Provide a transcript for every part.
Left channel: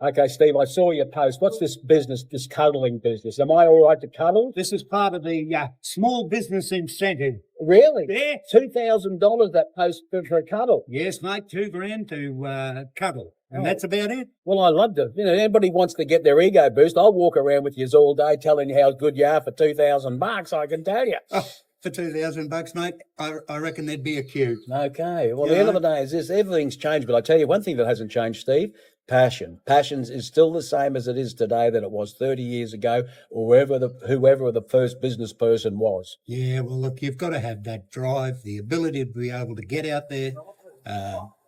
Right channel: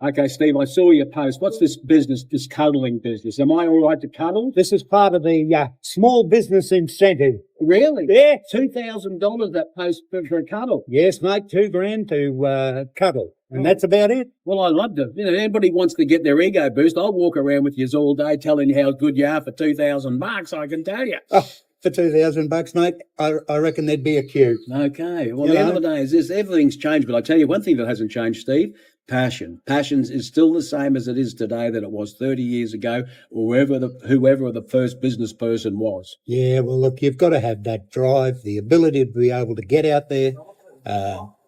Okay, Steve, I saw your post. What's this business, this cuddling business? Am I all right to cuddle? This is part of the small business incentive. Really? Yeah. $2,000 that post for a cuddle. Yes, mate, $2,000 to cuddle. And Oh. that's about it. Well, I loved it. You know, anybody wants to get their ego boost, I'll walk around with you all day telling you how good you are for $2,000, I can tell you. Oh, for $2,000, mate, I reckon there'd be a queue. Okay. Well, the end of the day is this. Everything's changed, but I tell you one thing that hasn't changed, Steve. Passion. Passion is still the same as it is today that it was 30 years ago, or whoever the first business person was. Yeah, well, look, you've got to have that drive, the ability to be able to get out there,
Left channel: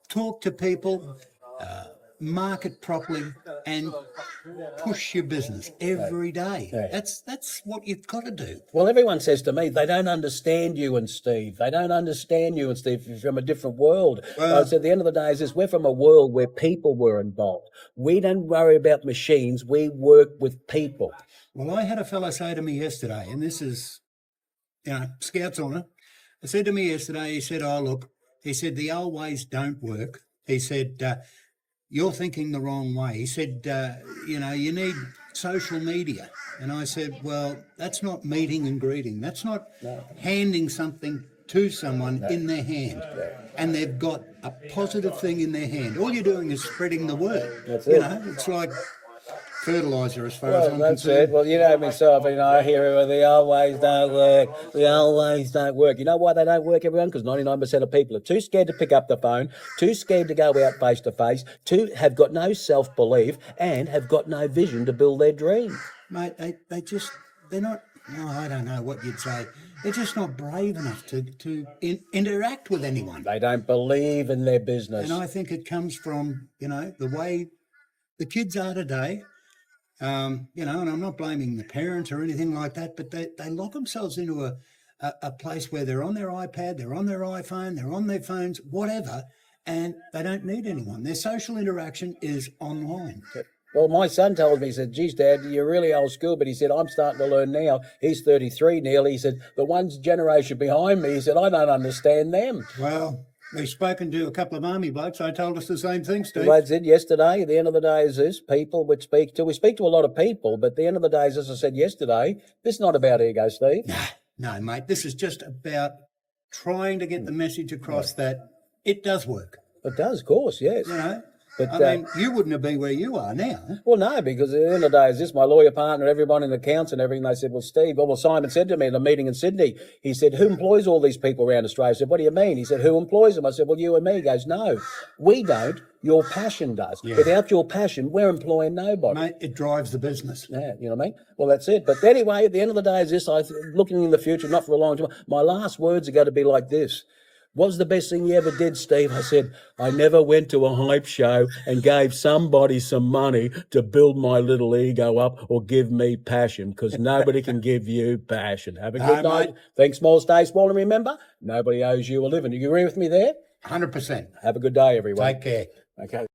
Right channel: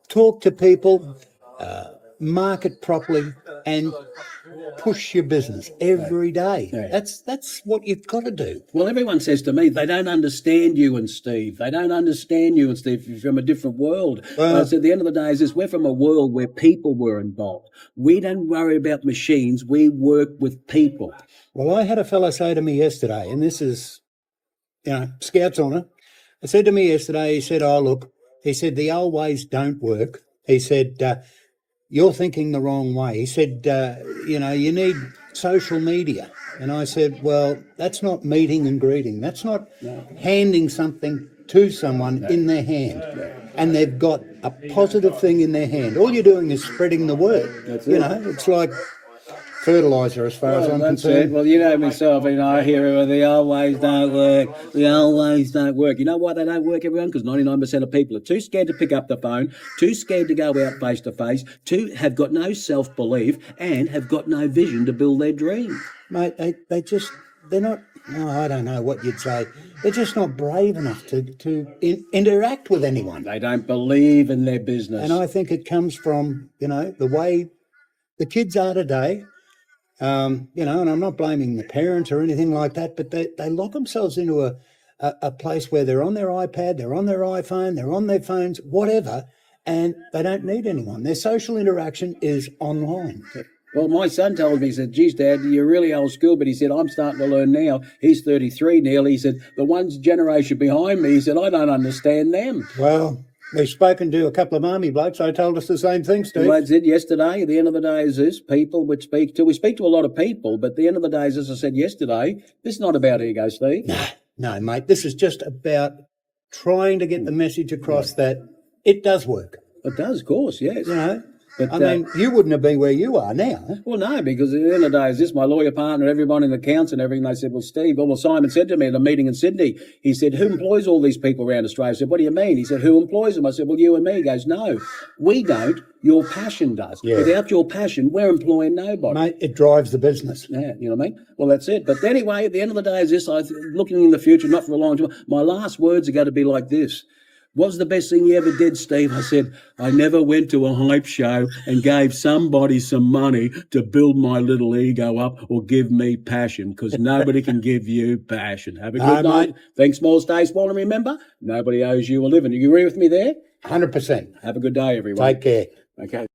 talk to people, market properly, and push your business every day. Yeah. That's what you've got to do. Well, everyone says to me, they don't understand you and Steve. They don't understand you and Steve. You're from a different world. Well, I said, the end of the day is this, we're from a world where people were involved. We don't worry about machines. We work with people. Well, I had a fellow say to me yesterday, and this is, Scout's honour. He said to me yesterday, he said, oh, look, he said, the old ways don't work. He said, you're thinking the wrong way. He said, you need social media. And I said, well, that's not meeting and greeting. That's not handing something to someone in their hand. And they've got a positive thing in their hand. All you're doing is spreading the word. It's like fertiliser as far as I'm concerned. Well, you know myself, I hear the old ways don't work. The old ways don't work. You know why they don't work, everyone? Because 99% of people are too scared to pick up the phone, too scared to go out face to face, have got no self-belief, and have got no vision to build their dream. Mate, they're not, I don't know what you'd say. They're just not brave enough to interact with anyone. They don't believe in their business. And I think it comes from, the way the kids are today. And I'm not blaming the parents or anything like that, but they lock themselves into a place where they're on their iPad, they're on their iPhone, they're on their phones, whatever, and they don't need anyone. Their social interaction is online. Well, my son told me, he said, geez, Dad, you're really old school, but he said, I'm starting to learn now. He's 33 nearly. He said, the one's generation behind me, he said, I don't understand them. Well, we've spoken to a couple of army blokes. They told us the same thing, Steve. Well, I said yesterday, at the end of the day is this, people we speak to a lot of people, but at the end of the day is, as I said yesterday, this is not about ego, Steve. No, mate, this is just about trying to get the message across that it does work. It does, of course, yes. But, I mean, you wouldn't have been where you are now. Well, no, because at the end of the day is this, my lawyer partner, everyone in the accounts and everything, they said, well, Steve, Simon said to me at a meeting in Sydney, he said, who employs all these people around Australia? I said, what do you mean? He said, who employs them? I said, well, you and me. He goes, no, we don't. Your passion does. Yeah. Without your passion, we're employing nobody. Mate, it drives the business. Yeah, you know what I mean? Well, that's it. But anyway, at the end of the day is this, looking in the future, not for a long time, my last words are going to be like this. What's the best thing you ever did, Steve? I said, I never went to a hype show and gave somebody some money to build my little ego up or give me passion, because nobody can give you passion. Have a good night. Mate. Think small, stay small, and remember, nobody owes you a living. You agree with me there? 100%. Have a good day, everyone. Take care. Okay.